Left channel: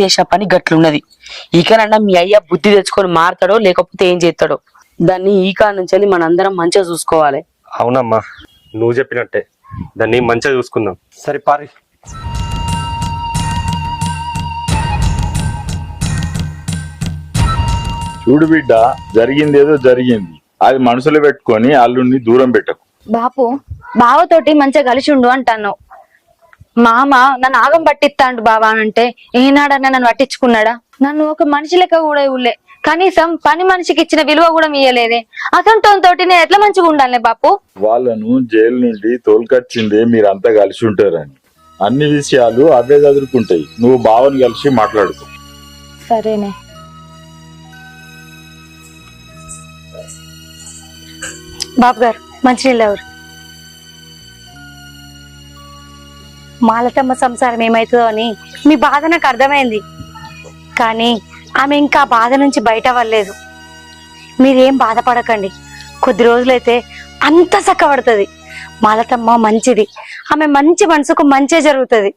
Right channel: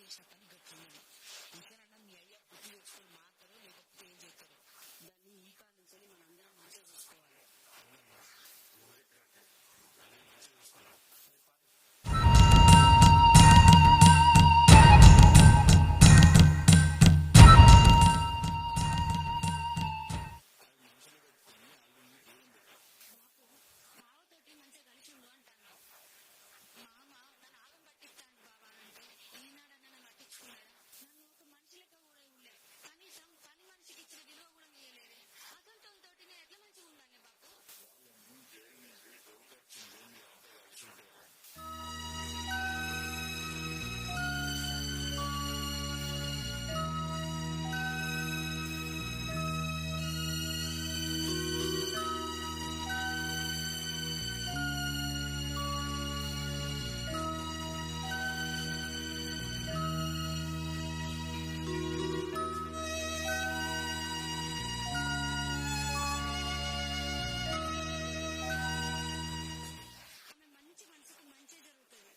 చేసిన పని గట్లున్నది. ఈకనన్నా మీ అయ్య బుద్ధి తెచ్చుకొని మారతాడో లేకపోతే ఏం చేస్తాడో. దాన్ని ఈకా నుంచి మనందరం మంచిగా చూసుకోవాలి. అవునమ్మా, నువ్వు చెప్పినట్టే దాన్ని మంచిగా చూసుకుందాం. సరే పారి. చూడు బిడ్డ, జరిగిందేదో జరిగింది. అది మనసులో పెట్టుకొని అల్లుడిని దూరం పెట్టకు. బాపు బావతోటి మంచిగా కలిసి ఉండు అంటాను. మామ నన్ను ఆగం పట్టిస్తాండు బావా అంటే ఏనాడన్నా నన్ను పట్టించుకున్నాడా? నన్ను ఒక మనిషి లెక్క కూడా ఇవ్వలే, కనీసం పని మనిషికి ఇచ్చిన విలువ కూడా ఇయ్యలేదే. అసంటోతో నేను ఎట్లా మంచిగా ఉండాలి బాపు? వాళ్ళను జైలు నుండి తోలుకొచ్చిందే మీరంతా కలిసి ఉంటారని. అన్ని విషయాలు అవే చదువుకుంటాయి. నువ్వు బావని కలిసి మాట్లాడుకో. సరేనే. బాబు గారు మంచినీళ్ళు ఎవరు? మాలతమ్మ సంసారం ఏమవుతుందో అని మీ బాధ నాకు అర్థమైంది, కానీ ఆమె ఇంకా బాధ నుంచి బయట అవ్వలేదు. మీరేం బాధపడకండి, కొద్ది రోజులైతే అంత చక్కబడుతుంది. మాలతమ్మ మంచిది, ఆమె మంచి మనసుకు మంచి జరుగుతుంది.